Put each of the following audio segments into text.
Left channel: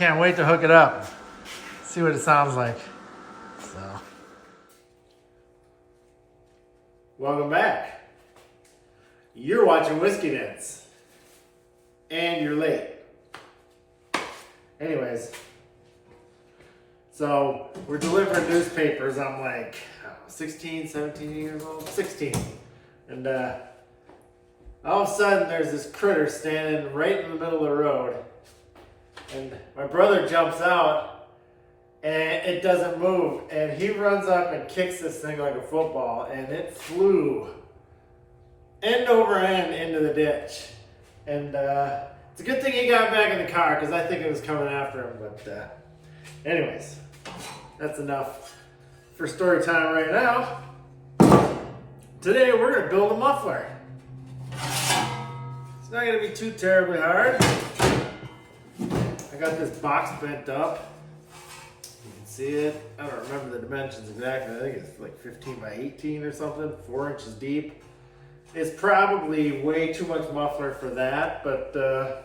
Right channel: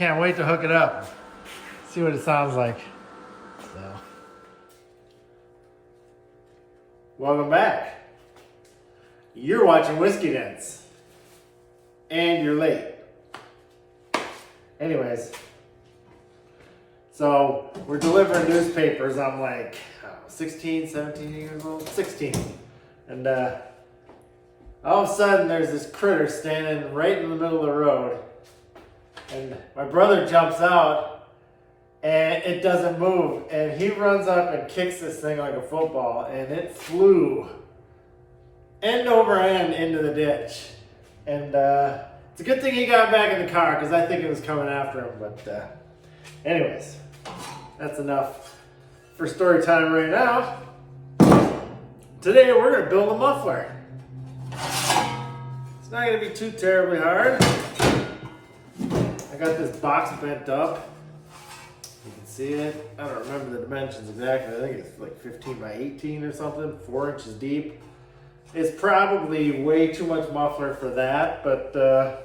Can't wait to hook it up. See what it sounds like. So, welcome back. You're watching Whiskey Dents. And you're late. Anyways, so we're delivering newspapers. I'm like, I don't know, 16, 17 years old, 16. And all of a sudden there's this critter standing right in the middle of the road. And my brother jumps out and it doesn't move. And he runs up and kicks this thing like a football. And it flew end over end into the ditch. And it's a good thing he got back in the car because I think it was coming after him. But anyways, that's enough for story time right now. Today we're going to build a muffler. It's not going to be too terribly hard. I got this box bent up. You can see it. I don't remember the dimensions exactly. I think it's like 15 by 18 or something, 4 inches deep. It's probably way too much muffler for that, but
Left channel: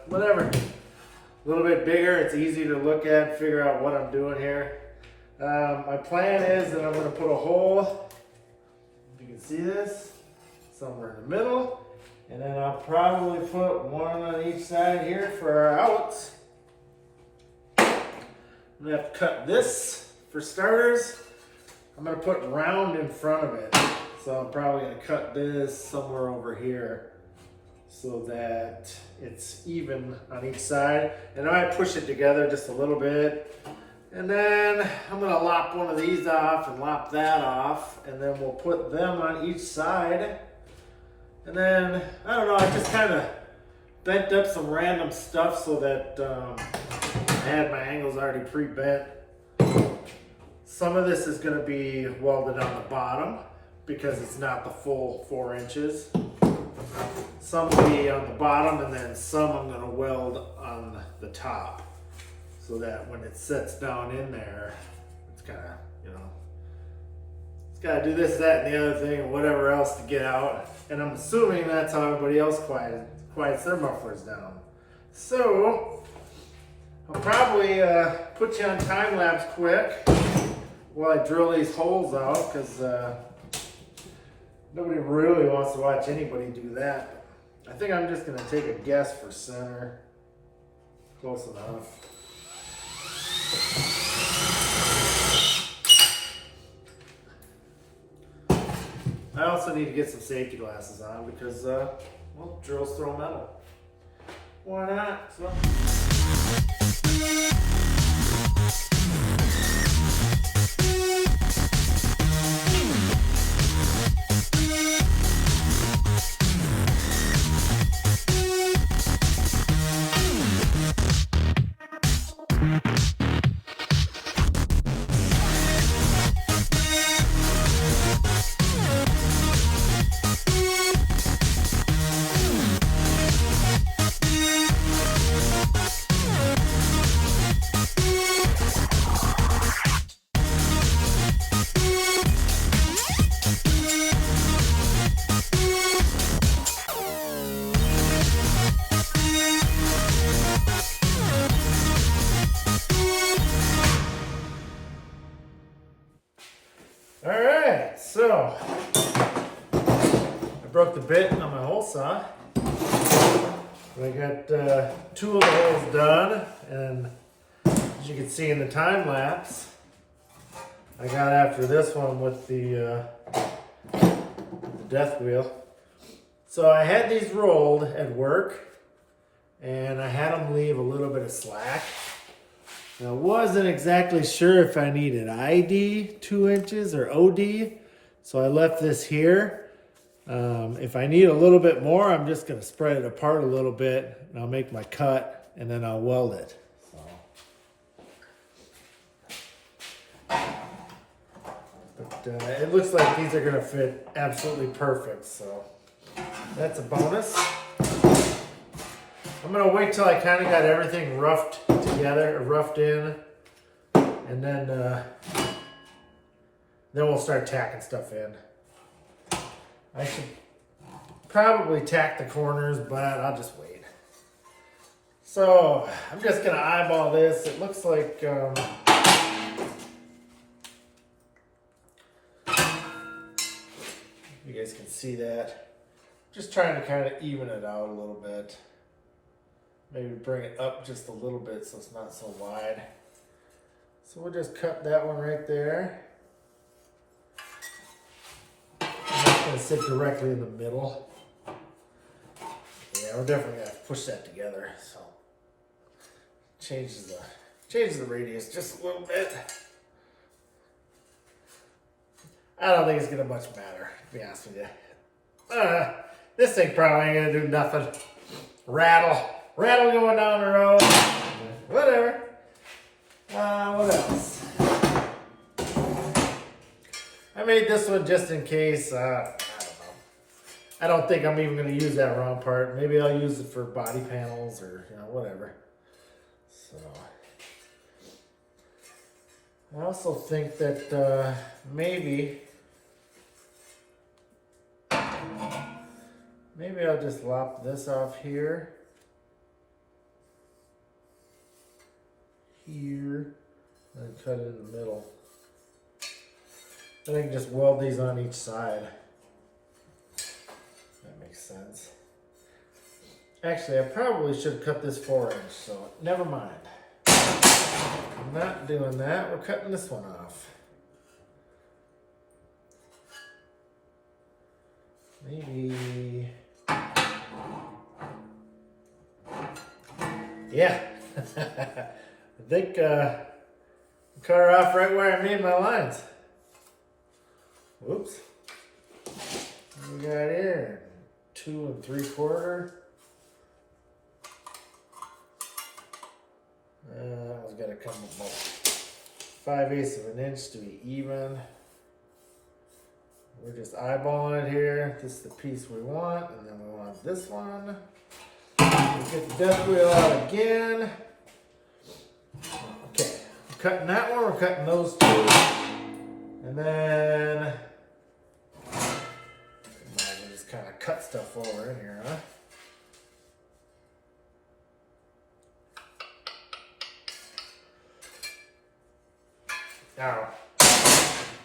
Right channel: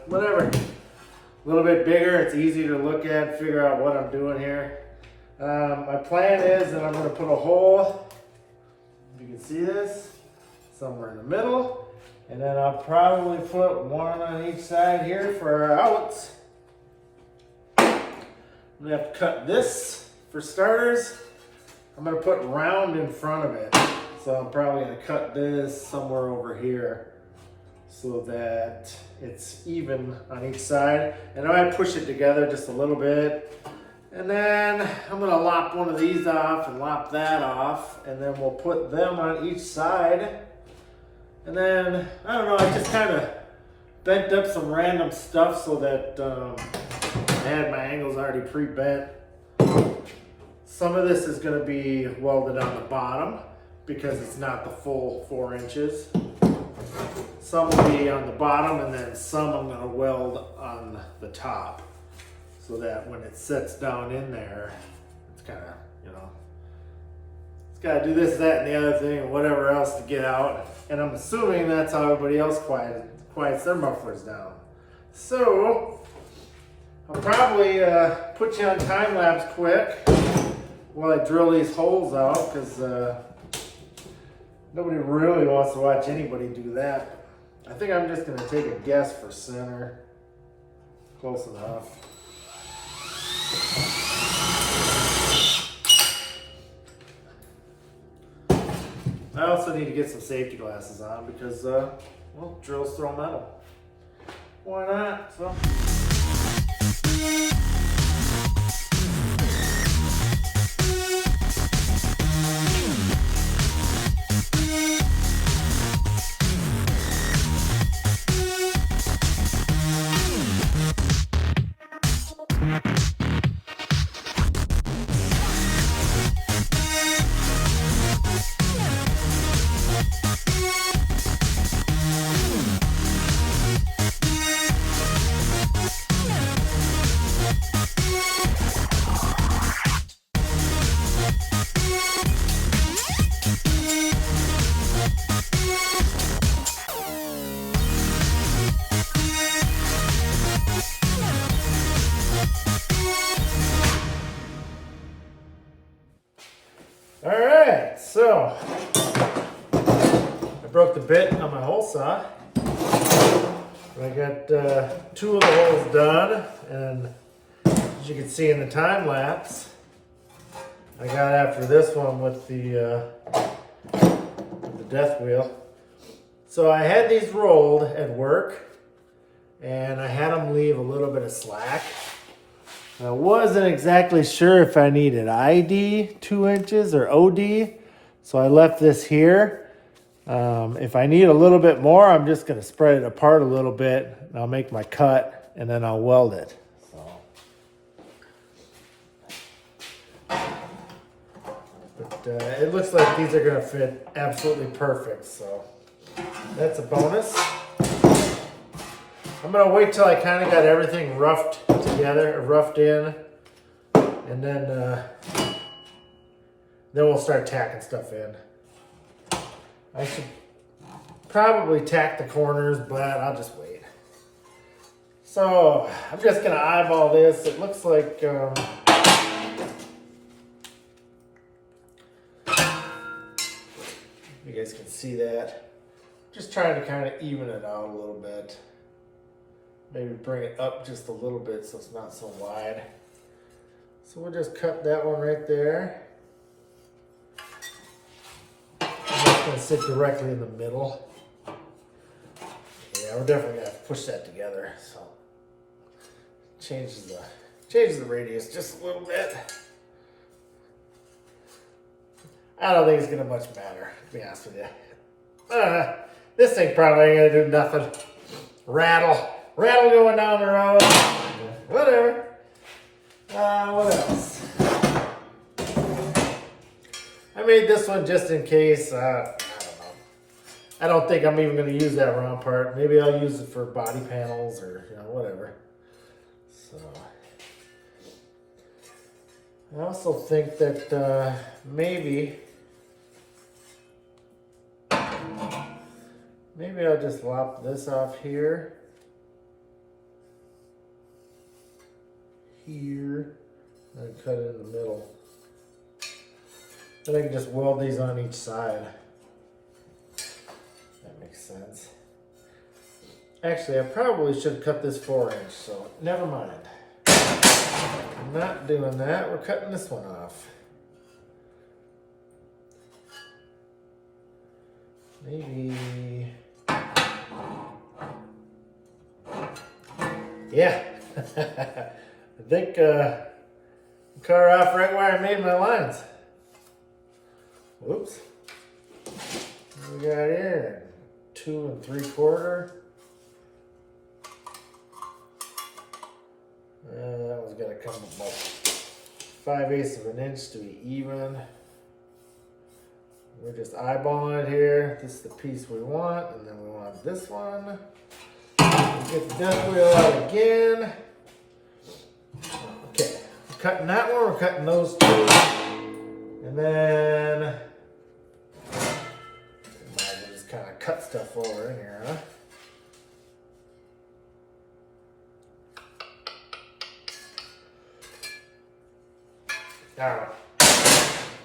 whatever. A little bit bigger, it's easy to look at, figure out what I'm doing here. My plan is that I'm going to put a hole, if you can see this, somewhere in the middle, and then I'll probably put one on each side here for our outs. I'm going to have to cut this for starters. I'm going to put round in front of it. So I'm probably going to cut this somewhere over here so that it's even on each side. And I might push it together just a little bit. And then I'm going to lop one of these off and lop that off. And then we'll put them on each side. And then, I don't know, I just kind of bent up some random stuff so that I had my angles already pre-bent. Some of this is going to be welded on the bottom, because it's not the full 4 inches. Some will be on the bottom, and then some I'm going to weld on the top so that when it sets down in there, it's kind of, you know, it's got to do this, that, and the other thing, and whatever else to get out. And I'm assuming that's how everybody else quiets their mufflers down. So I'll probably put you on time lapse quick while I drill these holes out, because nobody really wants to watch anybody do that. I think I'm just going to take a guess for center. Close enough. I also need to get some safety glasses on because, well, drills throw metal. Why not? So. Alright, so I broke the bit on my hole saw. I got 2 of the holes done, and as you can see in the time lapse, I got after this one with the death wheel. So I had these rolled at work, and I had them leave a little bit of slack. I wasn't exactly sure if I needed ID 2 inches or OD, so I left this here. If I need a little bit more, I'm just going to spread it apart a little bit, and I'll make my cut, and then I'll weld it. But it looks like these are going to fit absolutely perfect, so that's a bonus. I'm going to wait till I kind of got everything roughed together, roughed in, and then we'll start tacking stuff in. I should probably tack the corners, but I'll just wait. So I'm just gonna eyeball this. It looks like you guys can see that. Just trying to kind of even it out a little bit. Maybe bring it up just a little bit so it's not so wide. So we'll just cut that one right there. That's gonna sit directly in the middle. Yeah, we're definitely gonna have to push that together. So changes the radius just a little bit. I don't think it's gonna much matter, to be honest with you. This thing probably ain't gonna do nothing. Rattle going down the road. Whatever. What else? I made this one just in case. I don't know. I don't think I'm even gonna use that round part. Maybe I'll use it for body panels or whatever. So I also think that maybe I'll just lop this off here, and cut it in the middle. Then I can just weld these on each side. That makes sense. Actually, I probably should have cut this 4-inch, so never mind. I'm not doing that. We're cutting this one off. Maybe. Yeah. I think cut her off right where I made my lines. Whoops. What we got here? 2 3/4. That one's got to come about 5/8 of an inch to be even. We're just eyeballing it here. This is the piece we want, and then we want this one. We'll get the death wheel out again. Okay, we're cutting that one, we're cutting those two. And then might as well just kind of cut stuff over in here, huh? Now,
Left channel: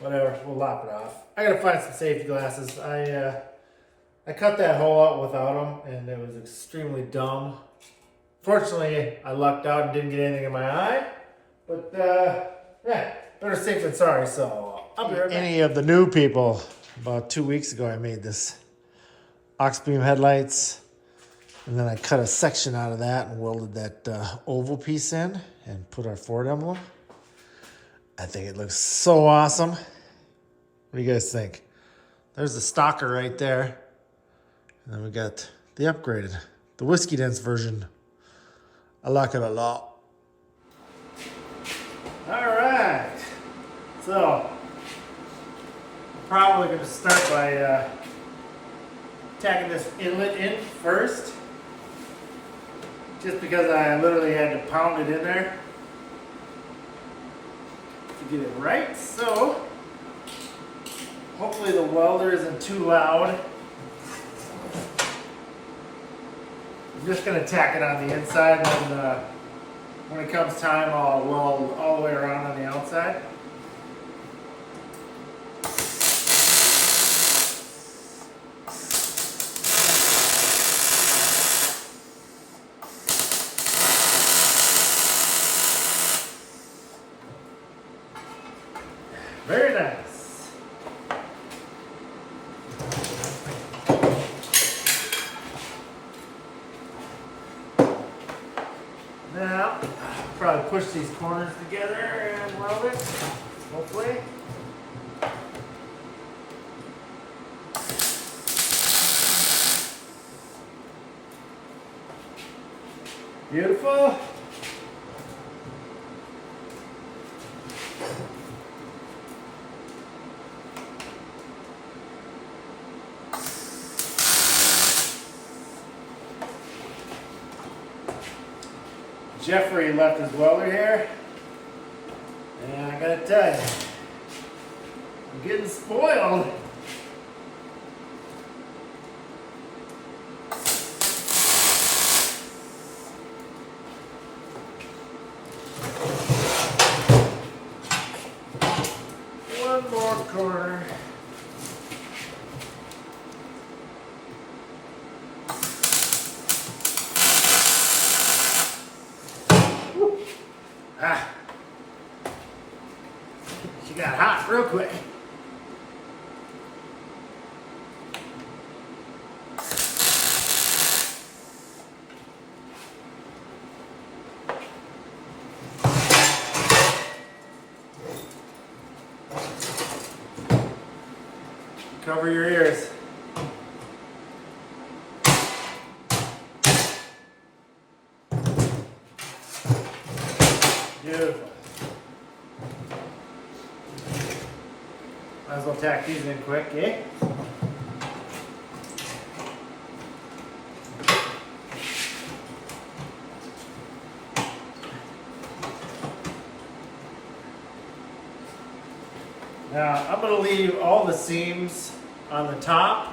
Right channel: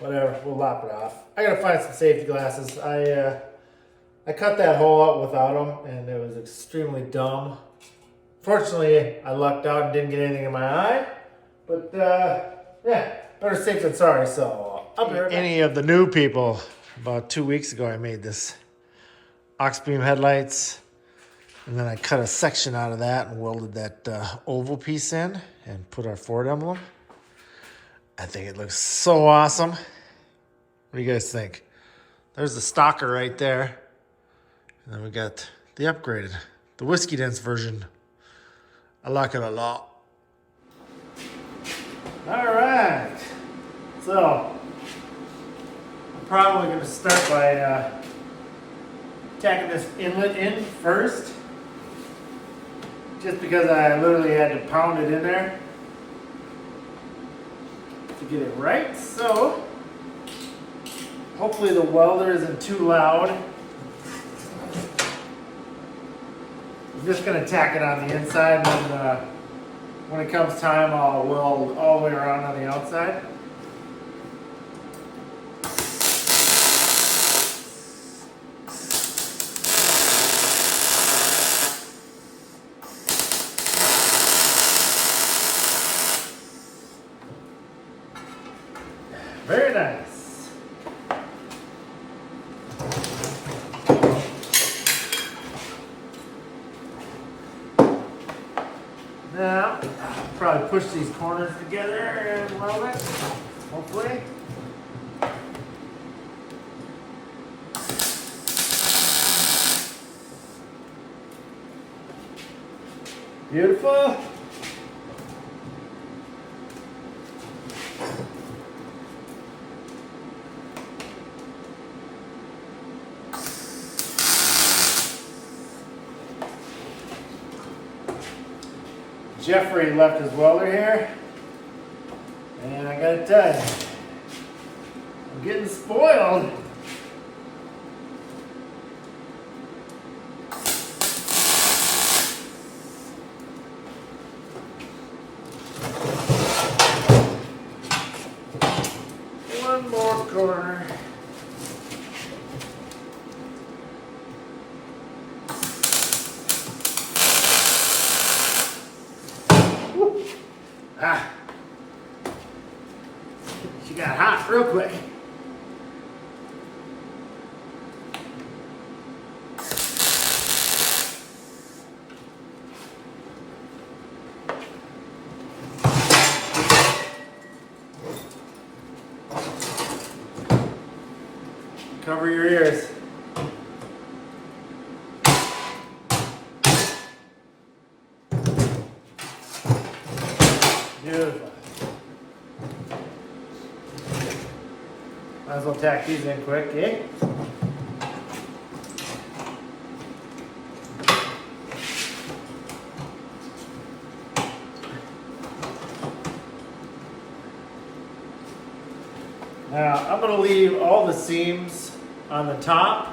whatever, we'll lop it off. I gotta find some safety glasses. I cut that hole out without them, and it was extremely dumb. Fortunately, I lucked out and didn't get anything in my eye. But yeah, better safe than sorry. So I'll be right back. Any of the new people, about 2 weeks ago, I made this ox beam headlights, and then I cut a section out of that and welded that oval piece in and put our Ford emblem. I think it looks so awesome. What do you guys think? There's the stalker right there. And then we got the upgraded, the whiskey dense version. I like it a lot. All right. So, I'm probably going to start by tacking this inlet in first. Just because I literally had to pound it in there to get it right. So, hopefully the welder isn't too loud. I'm just going to tack it on the inside, and then when it comes time, I'll weld all the way around on the outside. Very nice. Now, I'll probably push these corners together and weld it, hopefully. Beautiful. Jeffrey left his welder here, and I gotta tell you, I'm getting spoiled. One more corner. Woo. Ah. She got hot real quick. Cover your ears. Beautiful. Might as well tack these in quick, eh? Now, I'm going to leave all the seams on the top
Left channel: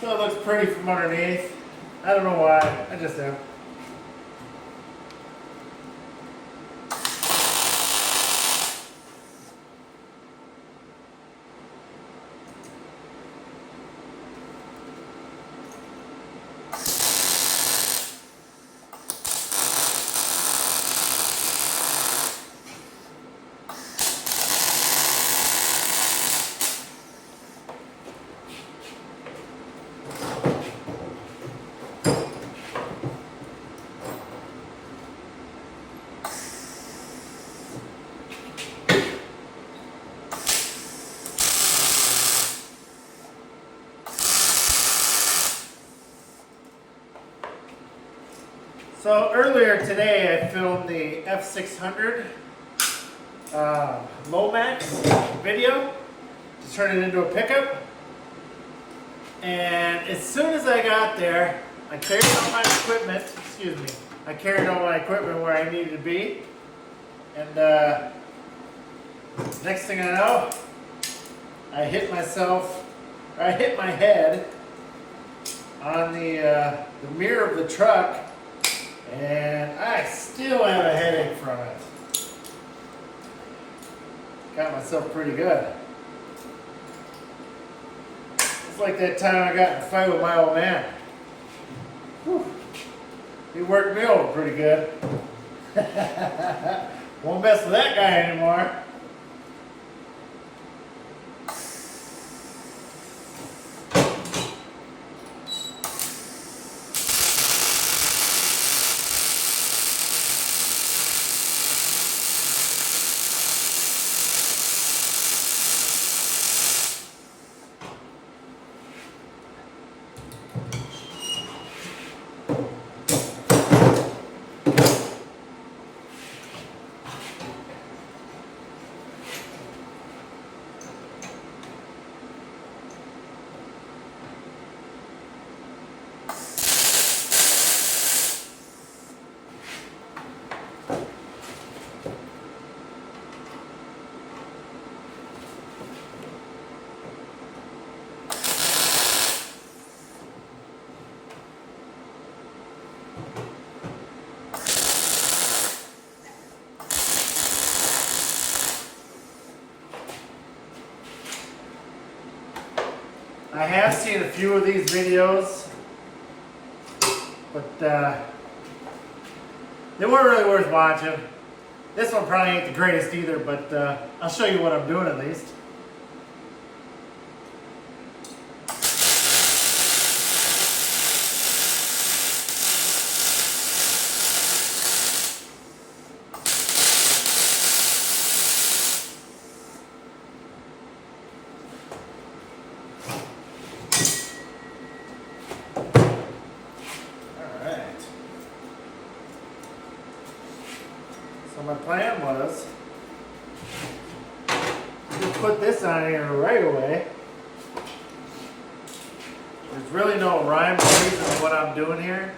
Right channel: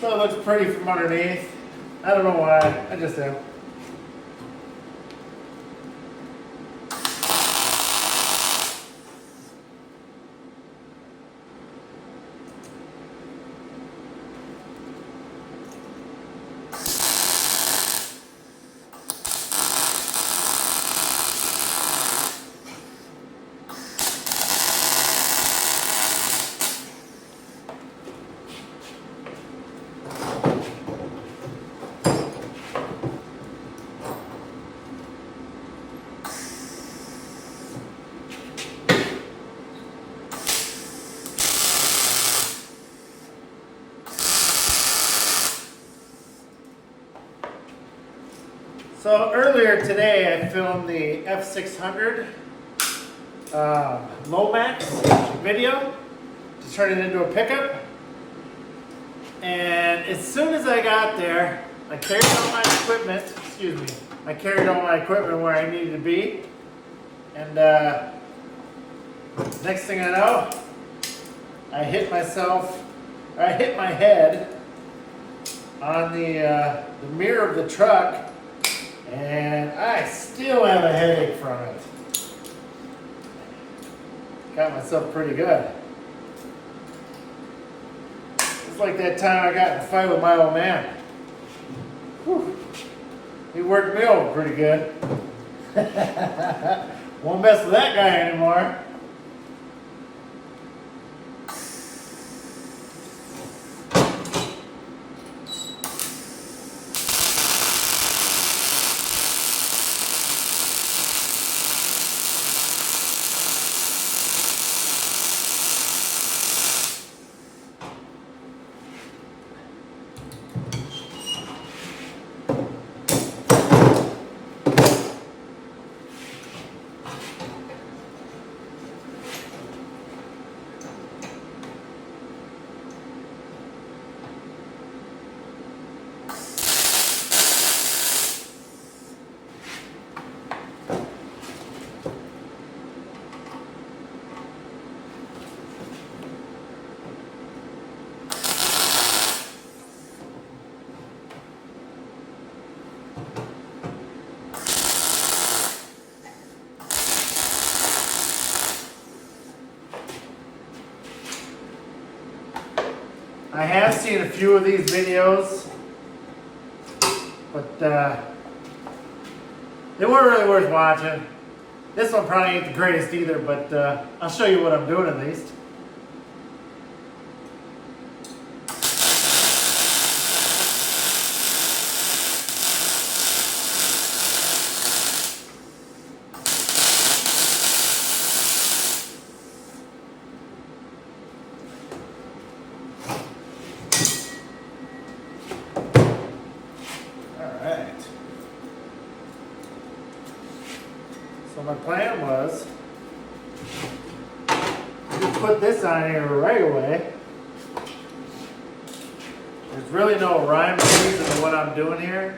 so it looks pretty from underneath. I don't know why, I just am. So earlier today I filmed the F600 Lomax video to turn it into a pickup. And as soon as I got there, I carried all my equipment, I carried all my equipment where I needed to be. And next thing I know, I hit my head on the mirror of the truck. And I still have a headache from it. Got myself pretty good. It's like that time I got in a fight with my old man. Whew. He worked me over pretty good. Won't mess with that guy anymore. I have seen a few of these videos, but they weren't really worth watching. This one probably ain't the greatest either, but I'll show you what I'm doing at least. So my plan was to put this on here right away. There's really no rhyme or reason to what I'm doing here.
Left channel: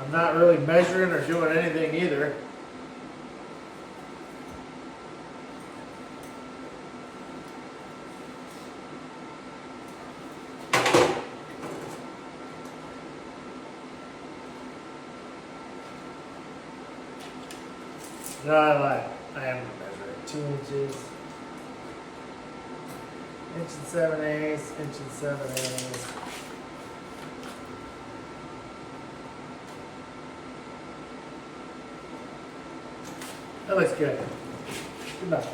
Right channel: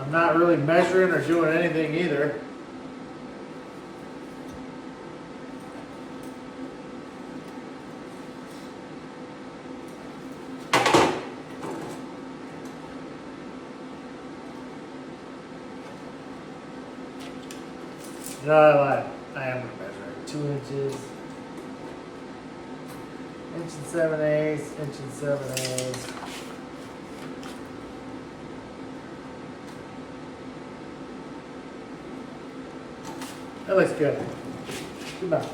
I'm not really measuring or doing anything either. No, I lied. I am going to measure it. 2 inches. 1 7/8, 7/8. That looks good. Good enough.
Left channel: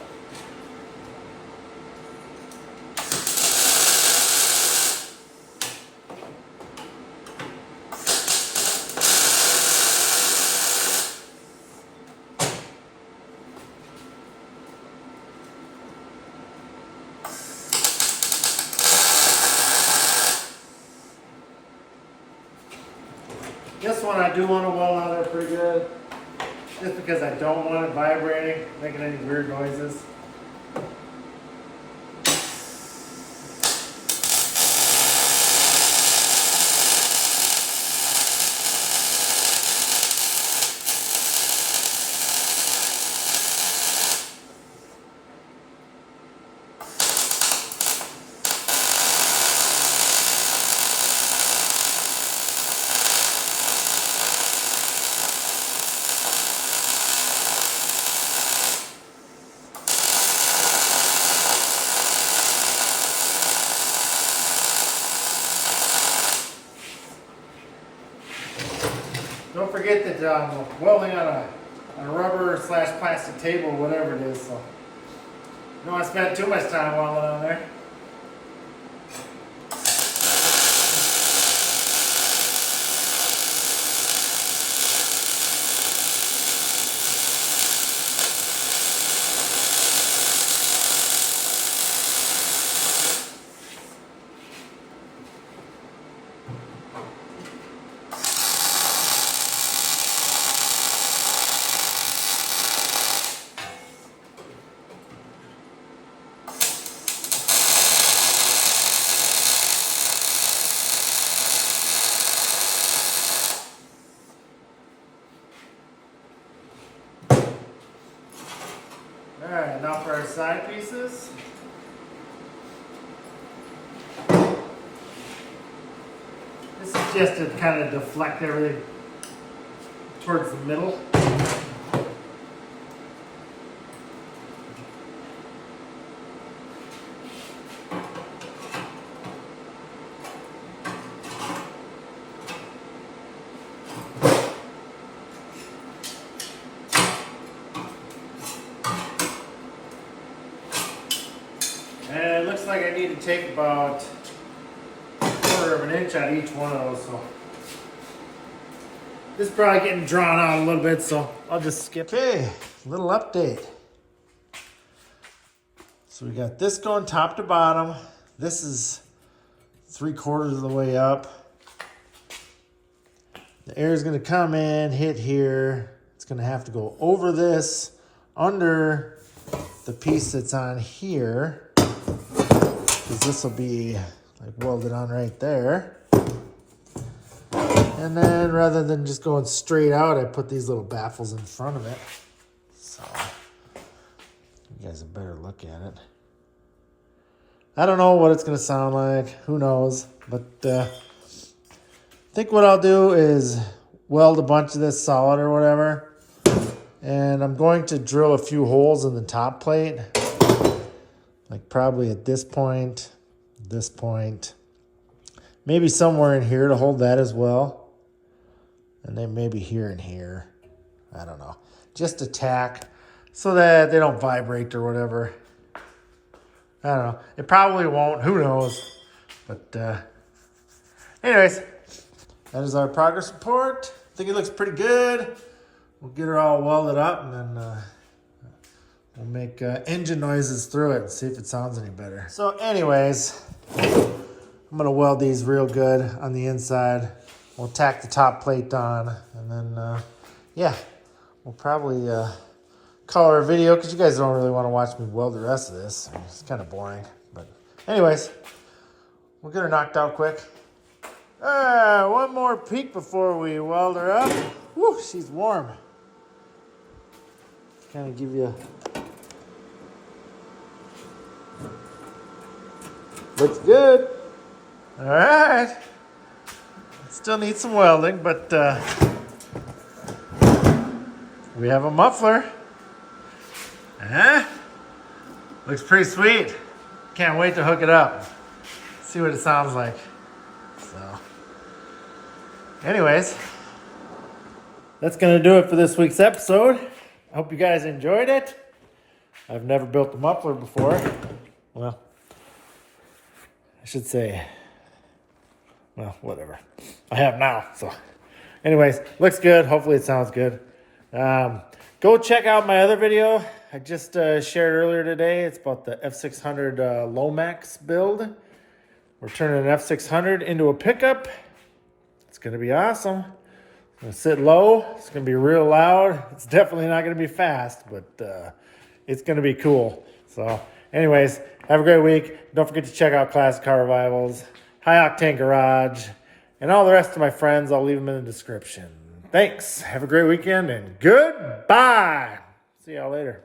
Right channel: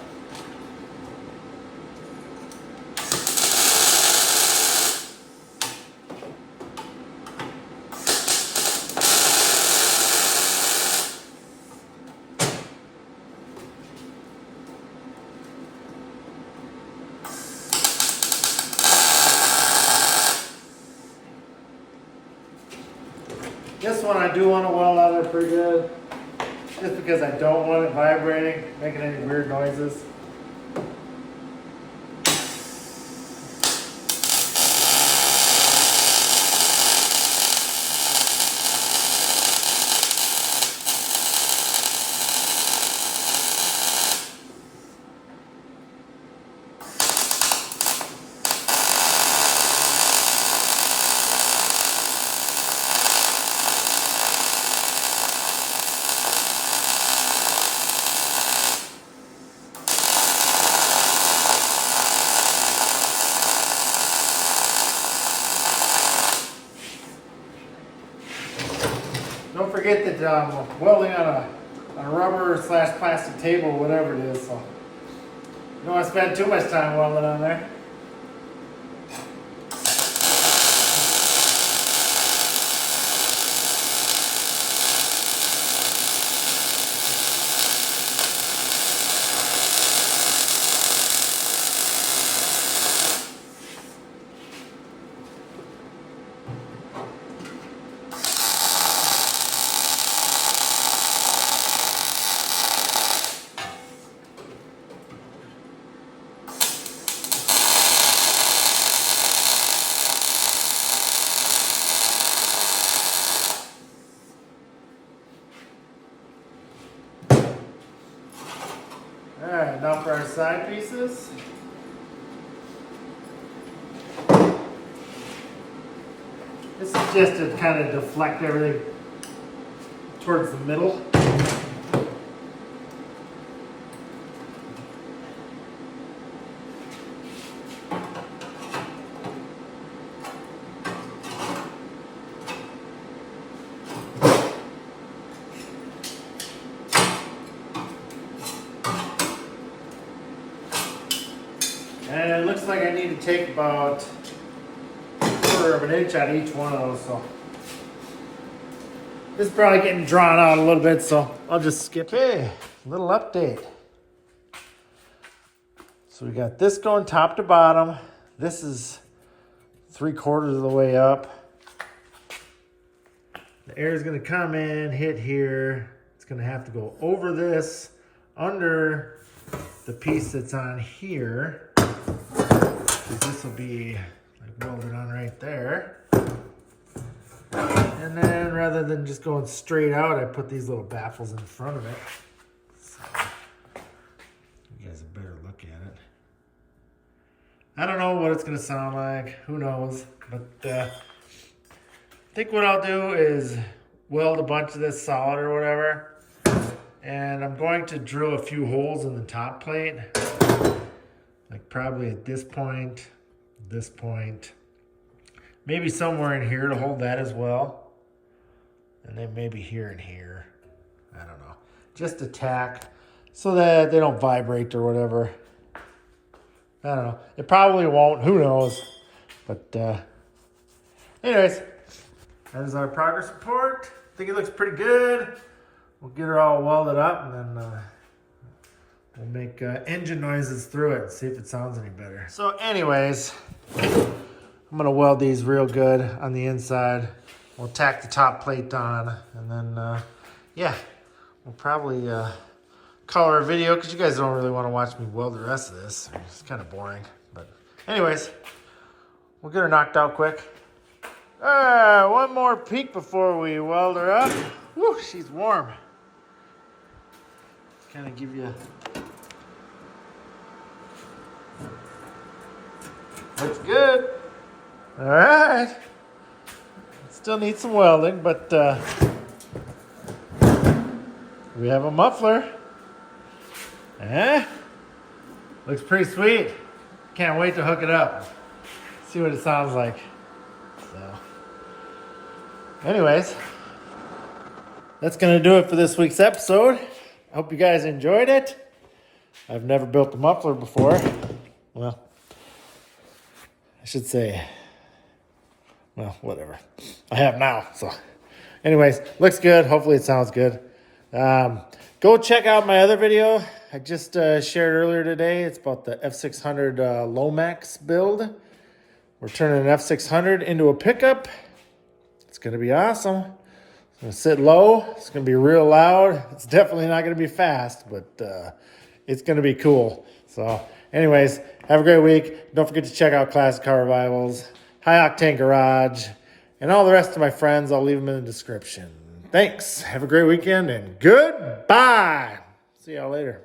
This one I do want to weld out there pretty good, just because I don't want it vibrating, making any weird noises. Don't forget that I'm welding on a rubber / plastic table, whatever it is, so you don't want to spend too much time welding on there. Alright, now for our side pieces. This is just to kind of deflect everything towards the middle. And it looks like I need to take about 1/4 of an inch out of each one of those. So this is probably getting drawn out a little bit, so I'll just skip. Okay, little update. So we got this going top to bottom. This is 3/4 of the way up. The air is going to come in, hit here. It's going to have to go over this, under the piece that's on here. This will be like welded on right there. And then rather than just going straight out, I put these little baffles in front of it. So you guys a better look at it. I don't know what it's going to sound like. Who knows? But I think what I'll do is weld a bunch of this solid or whatever. And I'm going to drill a few holes in the top plate. Like probably at this point, maybe somewhere in here to hold that as well. And then maybe here and here. I don't know. Just a tack so that they don't vibrate or whatever. I don't know. It probably won't. Who knows? But anyways, that is our progress report. I think it looks pretty good. We'll get her all welded up and then we'll make engine noises through it and see if it sounds any better. So anyways, I'm going to weld these real good on the inside. We'll tack the top plate on and then, yeah, we'll probably call her a video because you guys don't really want to watch me weld the rest of this. It's kind of boring. But anyways, we'll get her knocked out quick. One more peek before we weld her up. Woo, she's warm. Kind of give you... Looks good. All right. Still need some welding, but we have a muffler. Huh? Looks pretty sweet. Can't wait to hook it up. See what it sounds like. So, anyways, that's gonna do it for this week's episode. I hope you guys enjoyed it. I've never built a muffler before. Well, I should say, well, whatever. I have now, so. Anyways, looks good. Hopefully it sounds good. Go check out my other video I just shared earlier today. It's about the F600 Lomax build. We're turning an F600 into a pickup. It's going to be awesome. It's going to sit low. It's going to be real loud. It's definitely not going to be fast, but it's going to be cool. So anyways, have a great week. Don't forget to check out Classic Car Revivals, High Octane Garage, and all the rest of my friends. I'll leave them in the description. Thanks. Have a great weekend and goodbye. See y'all later.